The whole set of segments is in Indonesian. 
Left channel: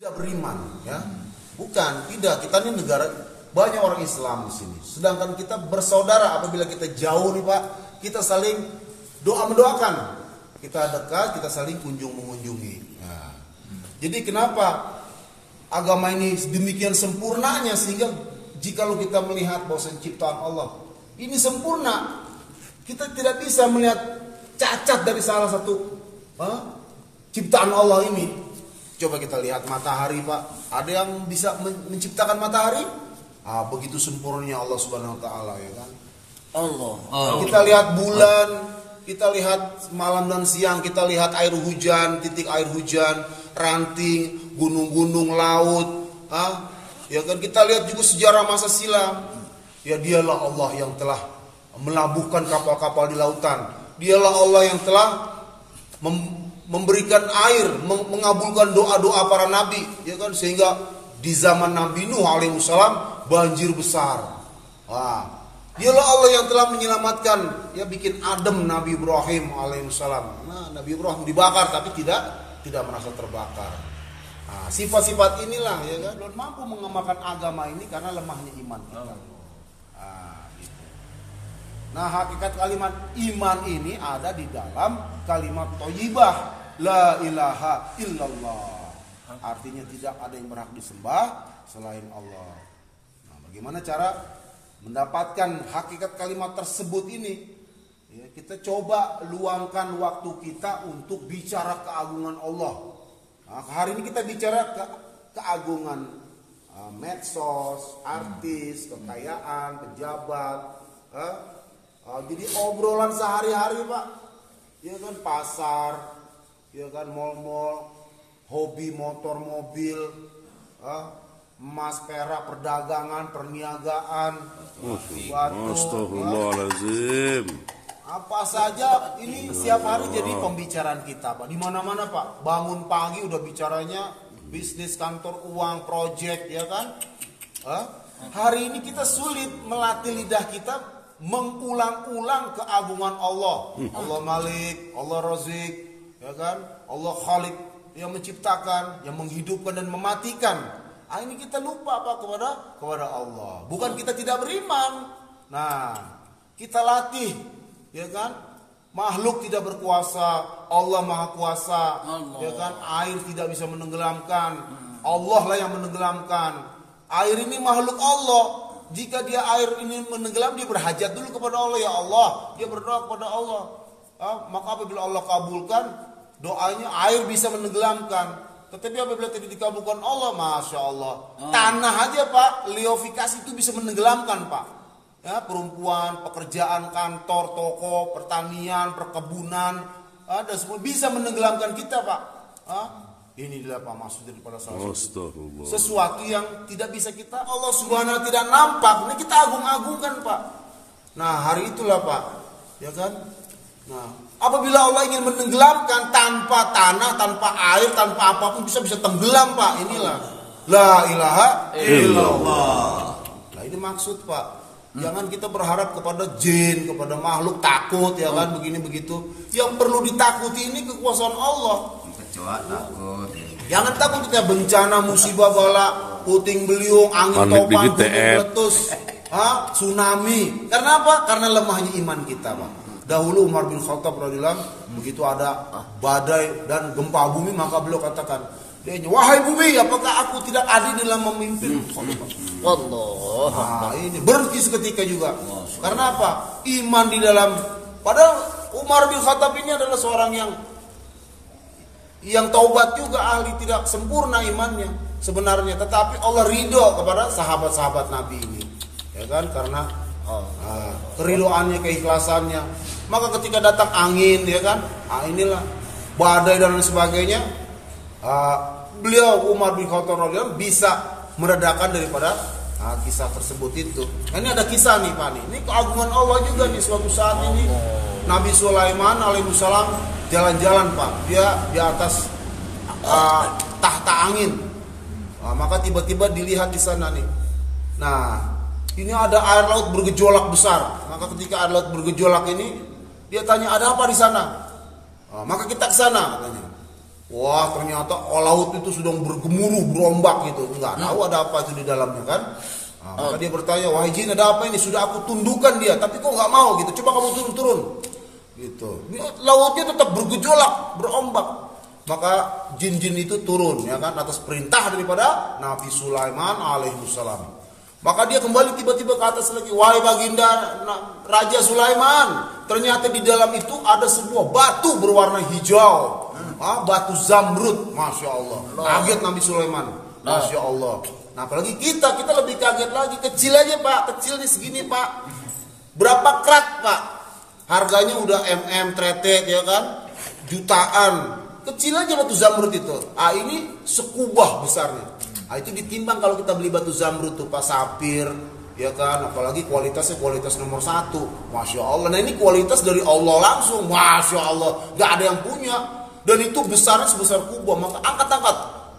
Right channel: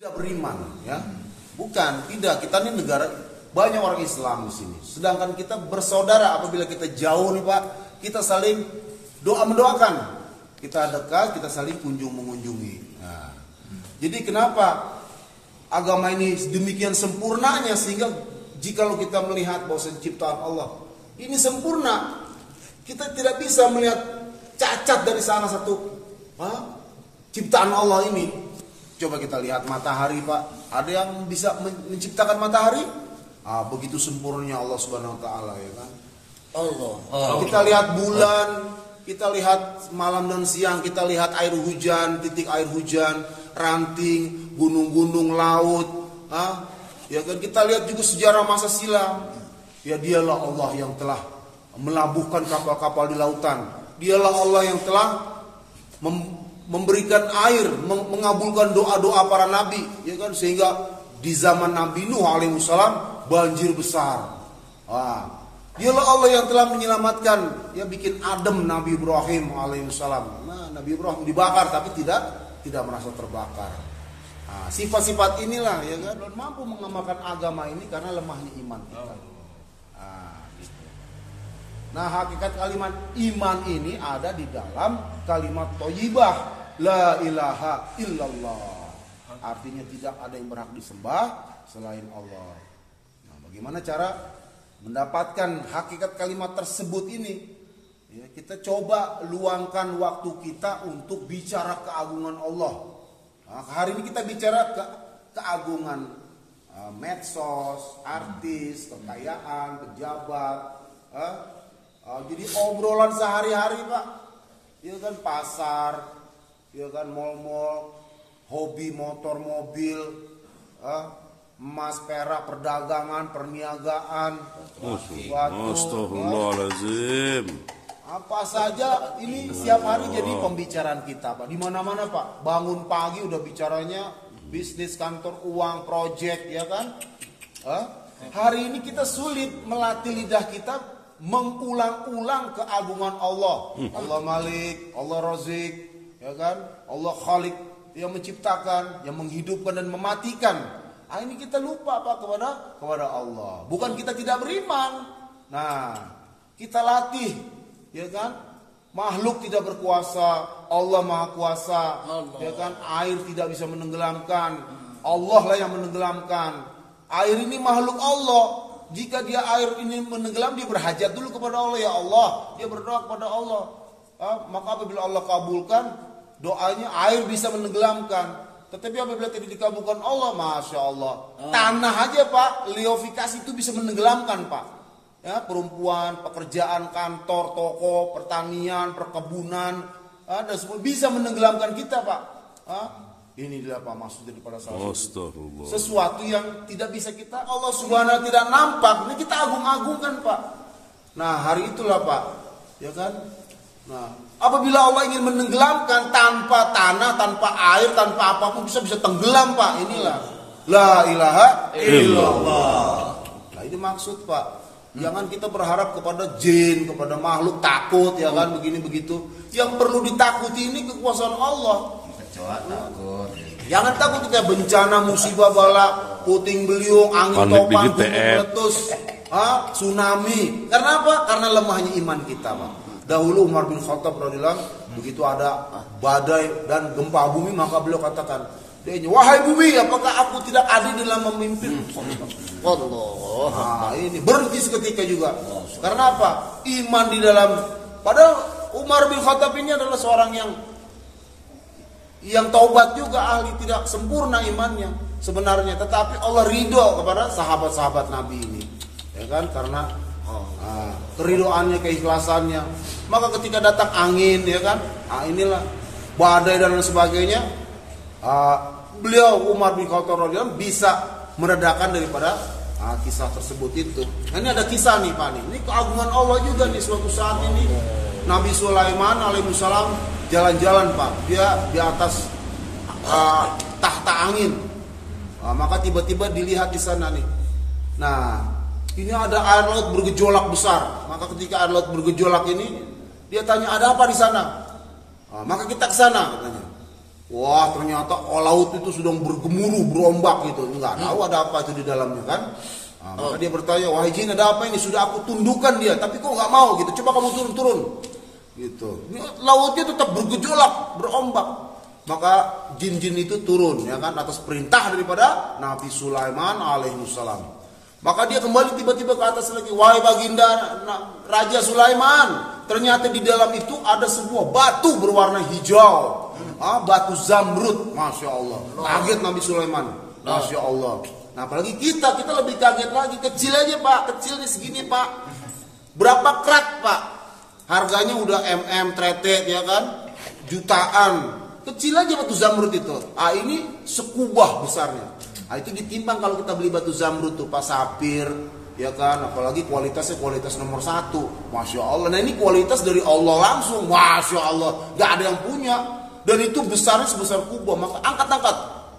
tidak beriman, ya. Bukan, tidak. Kita ini negara banyak orang Islam di sini. Sedangkan kita bersaudara apabila kita jauh nih Pak, kita saling doa mendoakan. Kita dekat, kita saling kunjung mengunjungi. Nah, jadi kenapa agama ini demikian sempurnanya sehingga jikalau kita melihat bahwa ciptaan Allah ini sempurna, kita tidak bisa melihat cacat dari salah satu ciptaan Allah ini. Coba kita lihat matahari Pak. Ada yang bisa menciptakan matahari? Begitu sempurnanya Allah Subhanahu Wa Taala, ya kan? Allah. Kita lihat bulan, kita lihat malam dan siang, kita lihat air hujan, titik air hujan, ranting, gunung-gunung, laut. Ya kan? Kita lihat juga sejarah masa silam. Ya dialah Allah yang telah melabuhkan kapal-kapal di lautan. Dialah Allah yang telah memberikan air, mengabulkan doa-doa para nabi, ya kan, sehingga di zaman Nabi Nuh alaihissalam banjir besar. Dialah Allah yang telah menyelamatkan, ya bikin adem Nabi Ibrahim alaihissalam. Nah, Nabi Ibrahim dibakar tapi tidak merasa terbakar. Sifat-sifat inilah, ya kan, mampu mengamalkan agama ini karena lemahnya iman kita. Gitu. Nah, hakikat kalimat iman ini ada di dalam kalimat thayyibah. La ilaha illallah. Artinya tidak ada yang berhak disembah selain Allah. Nah, bagaimana cara mendapatkan hakikat kalimat tersebut ini? Ya, kita coba luangkan waktu kita untuk bicara keagungan Allah. Nah, hari ini kita bicara keagungan medsos, artis, kekayaan, pejabat. Jadi obrolan sehari-hari Pak. Ya kan, pasar, ya kan, mal-mal, hobi motor, mobil, emas, perak, perdagangan, perniagaan, Astagfirullahaladzim. Apa saja ini setiap hari jadi pembicaraan kita Pak. Di mana-mana Pak. Bangun pagi udah bicaranya bisnis, kantor, uang, project, ya kan. Hari ini kita sulit melatih lidah kita mengulang-ulang keagungan Allah. Allah Malik, Allah Razik, ya kan? Allah Khalik, yang menciptakan, yang menghidupkan dan mematikan. Ini kita lupa Pak kepada Allah. Bukan kita tidak beriman. Nah, kita latih, ya kan? Makhluk tidak berkuasa, Allah Maha Kuasa, ya kan? Air tidak bisa menenggelamkan, Allah lah yang menenggelamkan. Air ini makhluk Allah. Jika dia air ini menenggelam, dia berhajat dulu kepada Allah, ya Allah. Dia berdoa kepada Allah. Maka apabila Allah kabulkan doanya, air bisa menenggelamkan. Tetapi apabila tidak dikabulkan Allah, Masya Allah, tanah aja Pak, liofikasi itu bisa menenggelamkan Pak. Ya, perempuan, pekerjaan, kantor, toko, pertanian, perkebunan, dan semua bisa menenggelamkan kita Pak. Inilah Pak maksud daripada sesuatu yang tidak bisa kita, Allah Subhanahu tidak nampak. Ini kita agung-agungkan Pak. Nah, hari itulah Pak, ya kan? Nah, apabila Allah ingin menenggelamkan tanpa tanah, tanpa air, tanpa apapun bisa tenggelam Pak. Inilah la ilaha illallah. Nah, ini maksud Pak. Jangan kita berharap kepada jin, kepada makhluk, takut, ya kan, begini begitu. Yang perlu ditakuti ini kekuasaan Allah. Jangan takut kita bencana, musibah, bala, puting beliung, angin topan, gunung meletus, tsunami. Karena apa? Karena lemahnya iman kita Pak. Dahulu Umar bin Khattab radhiyallahu, begitu ada badai dan gempa bumi, maka beliau katakan, wahai bumi, apakah aku tidak adil dalam memimpin? Allah. Ini berhenti seketika juga. Karena apa? Iman di dalam. Padahal Umar bin Khattab ini adalah seorang yang taubat juga, ahli tidak sempurna imannya sebenarnya, tetapi Allah ridho kepada sahabat-sahabat Nabi ini, ya kan, karena keridoannya, keikhlasannya. Maka ketika datang angin, ya kan, inilah badai dan sebagainya, beliau Umar bin Khattab bisa meredakan daripada kisah tersebut itu. Nah, ini ada kisah nih Pak, ini keagungan Allah juga nih. Suatu saat ini Nabi Sulaiman alaihissalam jalan-jalan Pak, dia di atas tahta angin. Maka tiba-tiba dilihat di sana nih. Nah, ini ada air laut bergejolak besar. Maka ketika air laut bergejolak ini, dia tanya, ada apa di sana? Maka kita ke sana katanya. Wah, ternyata laut itu sedang bergemuruh, berombak gitu. Enggak tahu ada apa itu di dalamnya kan. Nah, maka dia bertanya, wahai jin, ada apa ini? Sudah aku tundukkan dia, tapi kok nggak mau gitu. Coba kamu turun gitu. Lautnya tetap bergejolak, berombak. Maka jin-jin itu turun ya kan atas perintah daripada Nabi Sulaiman alaihissalam. Maka dia kembali tiba-tiba ke atas lagi, wahai baginda Raja Sulaiman, ternyata di dalam itu ada sebuah batu berwarna hijau. Batu zamrud, masya Allah. Kaget Nabi Sulaiman, masya Allah. Nah apalagi kita lebih kaget lagi. Kecil aja pak, kecil nih segini pak. Berapa krat pak? Harganya udah tretek ya kan, jutaan. Kecil aja batu zamrud itu. Ini sekubah besarnya. Itu ditimbang kalau kita beli batu zamrud tuh pak, sapir ya kan, apalagi kualitasnya kualitas nomor 1. Masya Allah. Nah ini kualitas dari Allah langsung, masya Allah. Gak ada yang punya. Dan itu besarnya sebesar kubah. Maka angkat.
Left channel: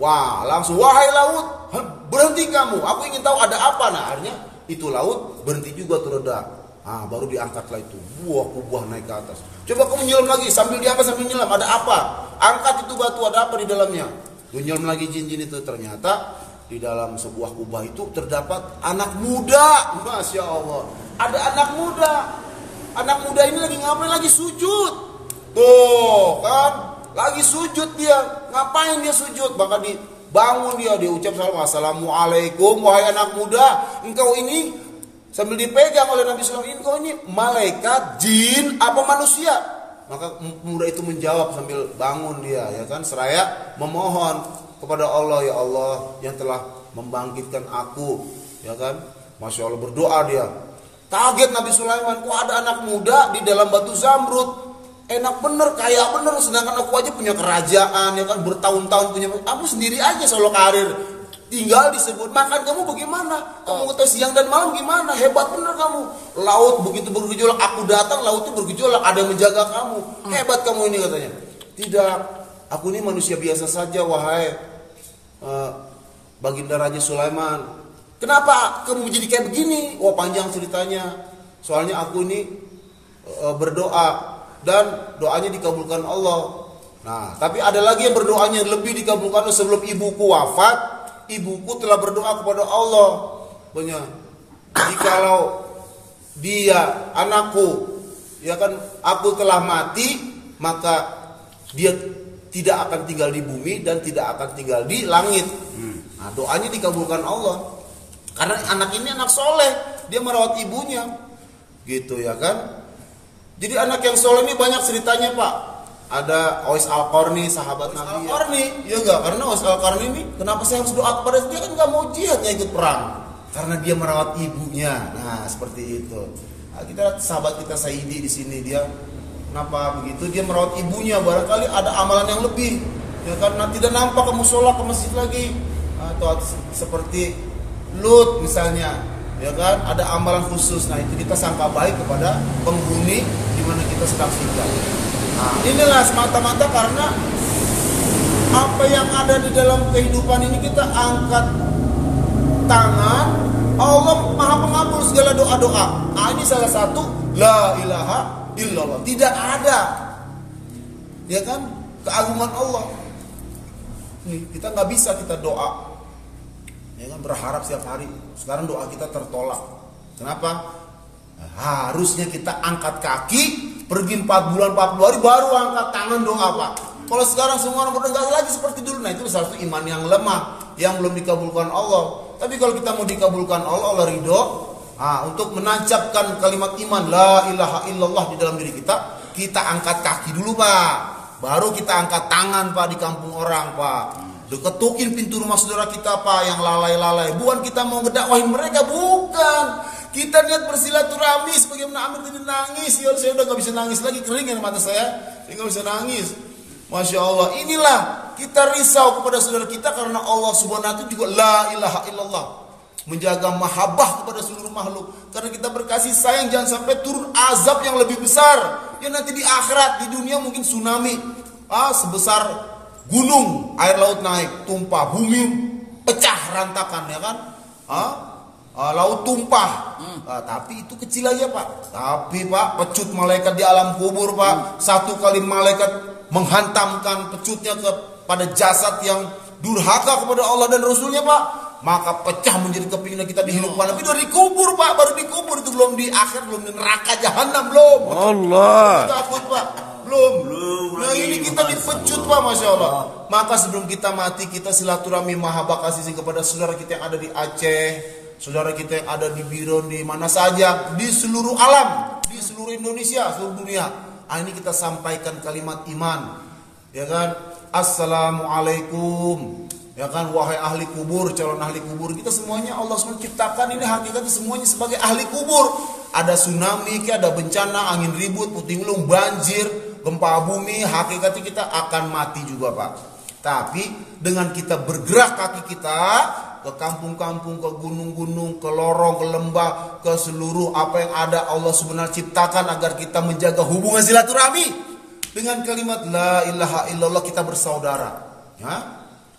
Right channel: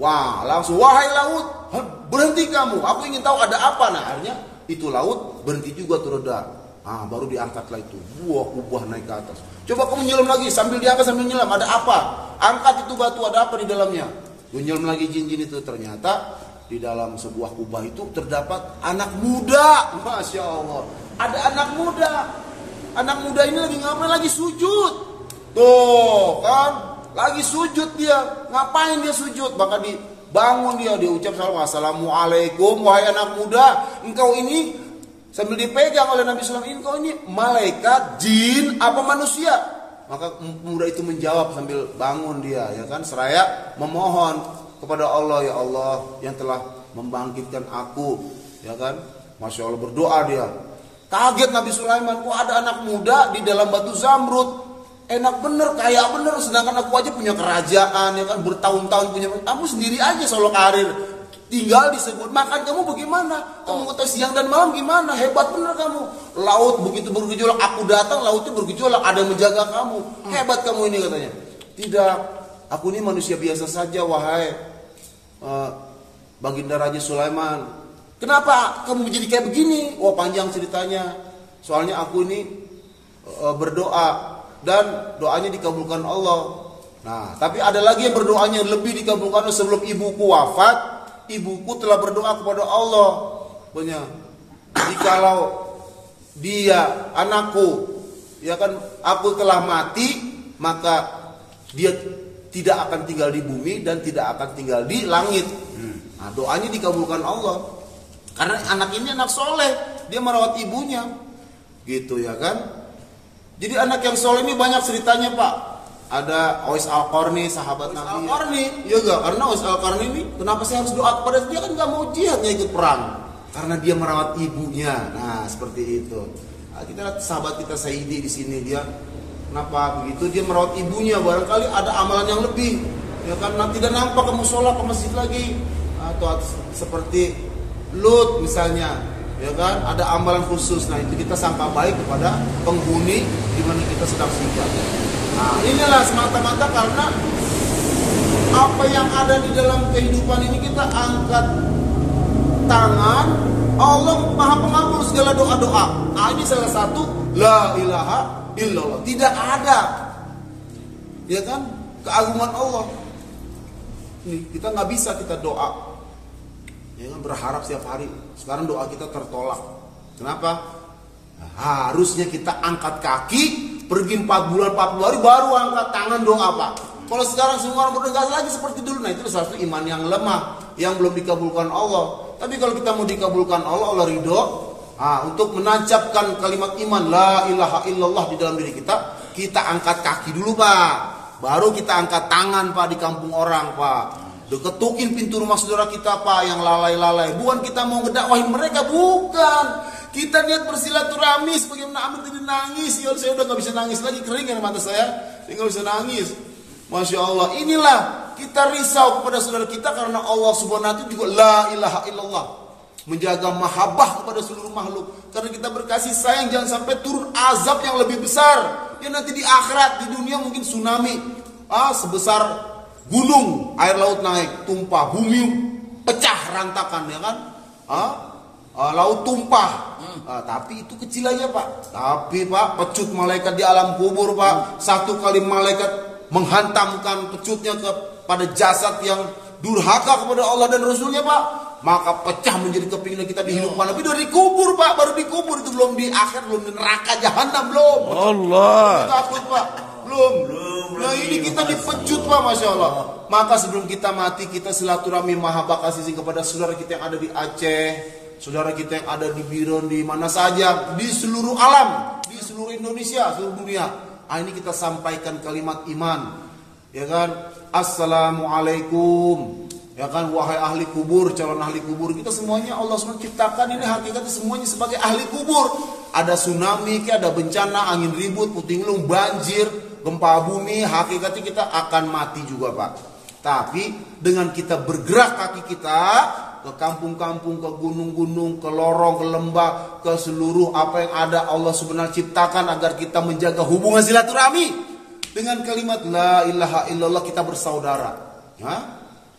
Wah langsung, wahai laut, berhenti kamu, aku ingin tahu ada apa. Nah akhirnya itu laut berhenti juga tuh reda. Baru diangkatlah itu buah kubah naik ke atas. Coba kamu nyelam lagi, sambil diangkat sambil nyelam, ada apa? Angkat itu batu, ada apa di dalamnya? Nyelam lagi jin-jin itu, ternyata di dalam sebuah kubah itu terdapat anak muda. Masya Allah, ada anak muda. Anak muda ini lagi ngapain? Lagi sujud. Tuh kan, lagi sujud dia. Ngapain dia sujud? Maka dibangun dia ucap salam, assalamualaikum wahai anak muda, engkau ini, sambil dipegang oleh Nabi Sallallahu Alaihi Wasallam, engkau ini malaikat, jin, apa manusia? Maka muda itu menjawab sambil bangun dia ya kan, seraya memohon kepada Allah, ya Allah yang telah membangkitkan aku ya kan. Masya Allah, berdoa dia. Kaget Nabi Sulaiman, kok ada anak muda di dalam batu zamrud? Enak bener, kaya bener, sedangkan aku aja punya kerajaan ya kan, bertahun-tahun punya. Kamu sendiri aja solo karir, tinggal disebut makan kamu bagaimana? Kamu kata siang dan malam gimana? Hebat bener kamu. Laut begitu bergejolak, aku datang lautnya bergejolak, ada yang menjaga kamu. Hebat kamu ini katanya. Tidak, aku ini manusia biasa saja wahai baginda Raja Sulaiman. Kenapa kamu jadi kayak begini? Wah panjang ceritanya. Soalnya aku ini berdoa dan doanya dikabulkan Allah. Nah, tapi ada lagi yang berdoanya lebih dikabulkan. Sebelum ibuku wafat, ibuku telah berdoa kepada Allah. Banyak. Jikalau dia anakku, ya kan, aku telah mati, maka dia tidak akan tinggal di bumi dan tidak akan tinggal di langit. Nah, doanya dikabulkan Allah. Karena anak ini anak soleh, dia merawat ibunya, gitu ya kan. Jadi anak yang soleh ini banyak ceritanya pak. Ada Uwais Al-Qarni, sahabat Nabi. Al-Qarni, ya enggak? Karena Uwais Al-Qarni ini, kenapa saya harus doa kepada dia? Kan nggak mau jihad, nggak ikut perang. Karena dia merawat ibunya. Nah, seperti itu. Nah, kita sahabat kita Saidi di sini, dia kenapa begitu? Dia merawat ibunya. Barangkali ada amalan yang lebih. Ya kan? Nanti tidak nampak kamu sholat ke masjid lagi. Atau seperti Lut misalnya. Ya kan, ada amalan khusus. Nah itu kita sangka baik kepada penghuni di mana kita sedang singgah. Nah inilah semata-mata karena apa yang ada di dalam kehidupan ini, kita angkat tangan, Allah maha pengabul segala doa-doa. Nah ini salah satu, la ilaha illallah. Tidak ada, ya kan, keagungan Allah. Nih kita nggak bisa kita doa, ya kan, berharap setiap hari. Sekarang doa kita tertolak. Kenapa? Nah, harusnya kita angkat kaki, pergi 4 bulan 40 hari baru angkat tangan doa pak. Kalau sekarang semua orang berdengar lagi seperti dulu, nah itu salah satu iman yang lemah, yang belum dikabulkan Allah. Tapi kalau kita mau dikabulkan Allah, Allah ridho. Untuk menancapkan kalimat iman la ilaha illallah di dalam diri kita angkat kaki dulu pak. Baru kita angkat tangan pak di kampung orang pak. Ketukin pintu rumah saudara kita pak yang lalai-lalai. Bukan kita mau ngedakwahin mereka, bukan. Kita niat bersilaturahmi sebagaimana Amir tadi nangis. Ya saya udah gak bisa nangis lagi, kering ya mata saya. Saya gak bisa nangis. Masya Allah, inilah kita risau kepada saudara kita karena Allah subhanahu wa ta'ala juga la ilaha illallah. Menjaga mahabbah kepada seluruh makhluk. Karena kita berkasih sayang, jangan sampai turun azab yang lebih besar. Ya nanti di akhirat, di dunia mungkin tsunami. Sebesar gunung, air laut naik, tumpah, bumi pecah rantakan ya kan, laut tumpah. Tapi itu kecil aja pak. Tapi pak, pecut malaikat di alam kubur pak, satu kali malaikat menghantamkan pecutnya ke pada jasad yang durhaka kepada Allah dan Rasulnya Pak, maka pecah menjadi kepinginan kita dihidupkan. Tapi udah dikubur Pak, baru dikubur, itu belum di akhir, belum di neraka jahanam belum. Allah. Takut Pak, belum. Nah ini kita dipecut Pak, Masya Allah. Maka sebelum kita mati, kita silaturahmi mahabbah kasih kepada saudara kita yang ada di Aceh, saudara kita yang ada di Biren, di mana saja, di seluruh alam, di seluruh Indonesia, seluruh dunia. Ini kita sampaikan kalimat iman, ya kan? Assalamualaikum, ya kan? Wahai ahli kubur, calon ahli kubur, kita semuanya Allah SWT ciptakan ini hakikatnya semuanya sebagai ahli kubur. Ada tsunami, ada bencana, angin ribut, puting beliung, banjir, gempa bumi, hakikatnya kita akan mati juga Pak. Tapi dengan kita bergerak kaki kita ke kampung-kampung, ke gunung-gunung, ke lorong, ke lembah, ke seluruh apa yang ada Allah sebenarnya ciptakan agar kita menjaga hubungan silaturahmi. Dengan kalimat la ilaha illallah kita bersaudara. Ya?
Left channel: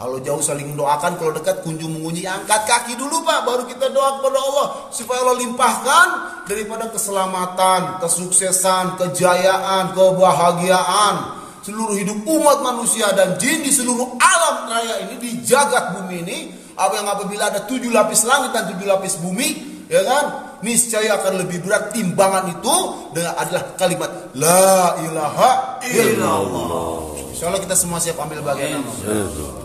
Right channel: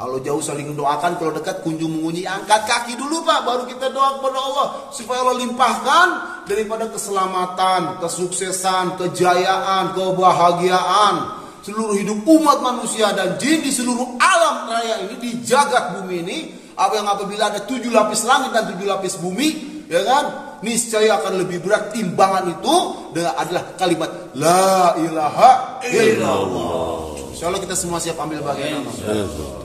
Kalau jauh saling mendoakan, kalau dekat kunjung mengunjungi, angkat kaki dulu Pak, baru kita doa kepada Allah supaya Allah limpahkan daripada keselamatan, kesuksesan, kejayaan, kebahagiaan seluruh hidup umat manusia dan jin di seluruh alam raya ini, di jagat bumi ini. Apabila ada 7 lapis langit dan 7 lapis bumi, ya kan, niscaya akan lebih berat timbangan itu dengan adalah kalimat la ilaha illallah. Insyaallah kita semua siap ambil bagian.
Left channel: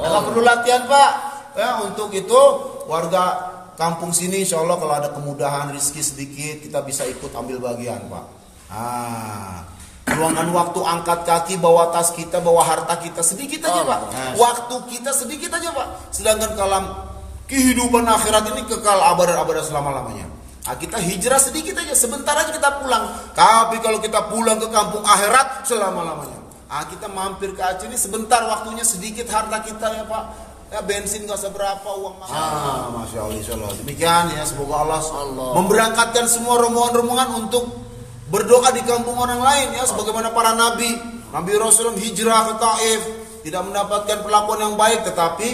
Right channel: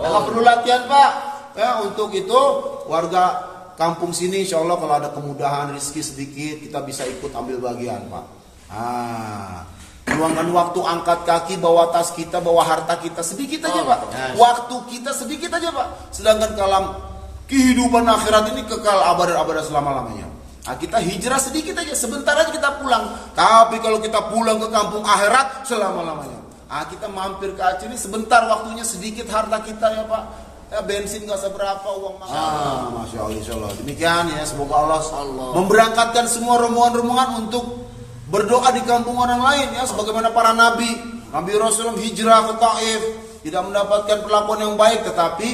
Kalau perlu latihan Pak, ya, untuk itu warga kampung sini insyaallah kalau ada kemudahan rezeki sedikit kita bisa ikut ambil bagian Pak. Luangkan waktu, angkat kaki, bawa tas kita, bawa harta kita sedikit aja Pak. Waktu kita sedikit aja Pak. Sedangkan kalau kehidupan akhirat ini kekal abad-abad selama-lamanya. Nah, kita hijrah sedikit aja, sebentar aja kita pulang. Tapi kalau kita pulang ke kampung akhirat selama-lamanya. Nah, kita mampir ke Aceh ini sebentar, waktunya sedikit, harta kita ya Pak. Ya, bensin gak seberapa, uang makan. Masya Allah, insya Allah. Demikian ya, semoga Allah memberangkatkan semua rombongan-rombongan untuk berdoa di kampung orang lain ya, sebagaimana para nabi Rasulullah hijrah ke Taif tidak mendapatkan perlakuan yang baik, tetapi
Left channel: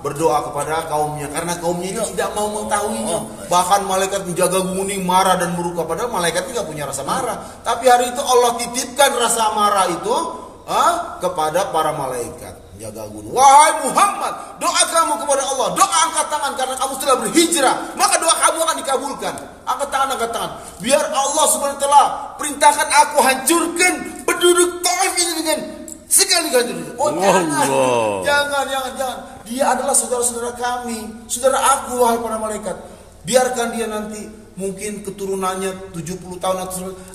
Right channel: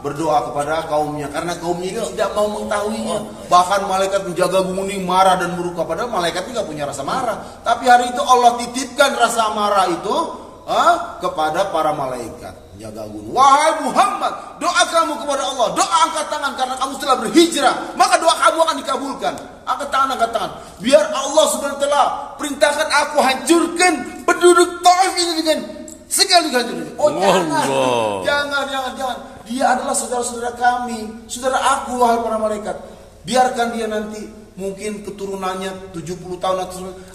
berdoa kepada kaumnya karena kaumnya tidak mau mengetahuinya. Bahkan malaikat menjaga bumi marah dan murka, padahal malaikat tidak punya rasa marah, tapi hari itu Allah titipkan rasa marah itu kepada para malaikat jaga gunung. Wahai Muhammad, doa kamu kepada Allah, doa angkat tangan karena kamu telah berhijrah, maka doa kamu akan dikabulkan. Angkat tangan, angkat tangan. Biar Allah Subhanahu wa taala perintahkan aku hancurkan penduduk Taif ini dengan sekali-kali. Jangan. Dia adalah saudara-saudara kami, saudara aku wahai para malaikat. Biarkan dia nanti mungkin keturunannya 70 tahun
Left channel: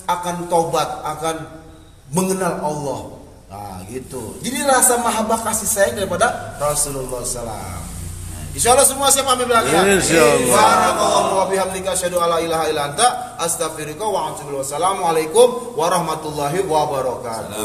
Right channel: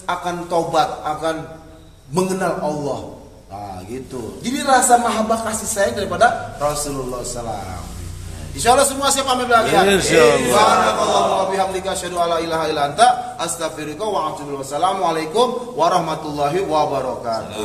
akan taubat, akan mengenal Allah. Gitu. Jadi rasa mahabbah kasih sayang daripada Rasulullah SAW. Insyaallah semua siap ambil bagian. Insyaallah. Bihamdika asyhadu alla ilaha illa anta astaghfiruka wa atubu ilaik. Wassalamualaikum warahmatullahi wabarakatuh.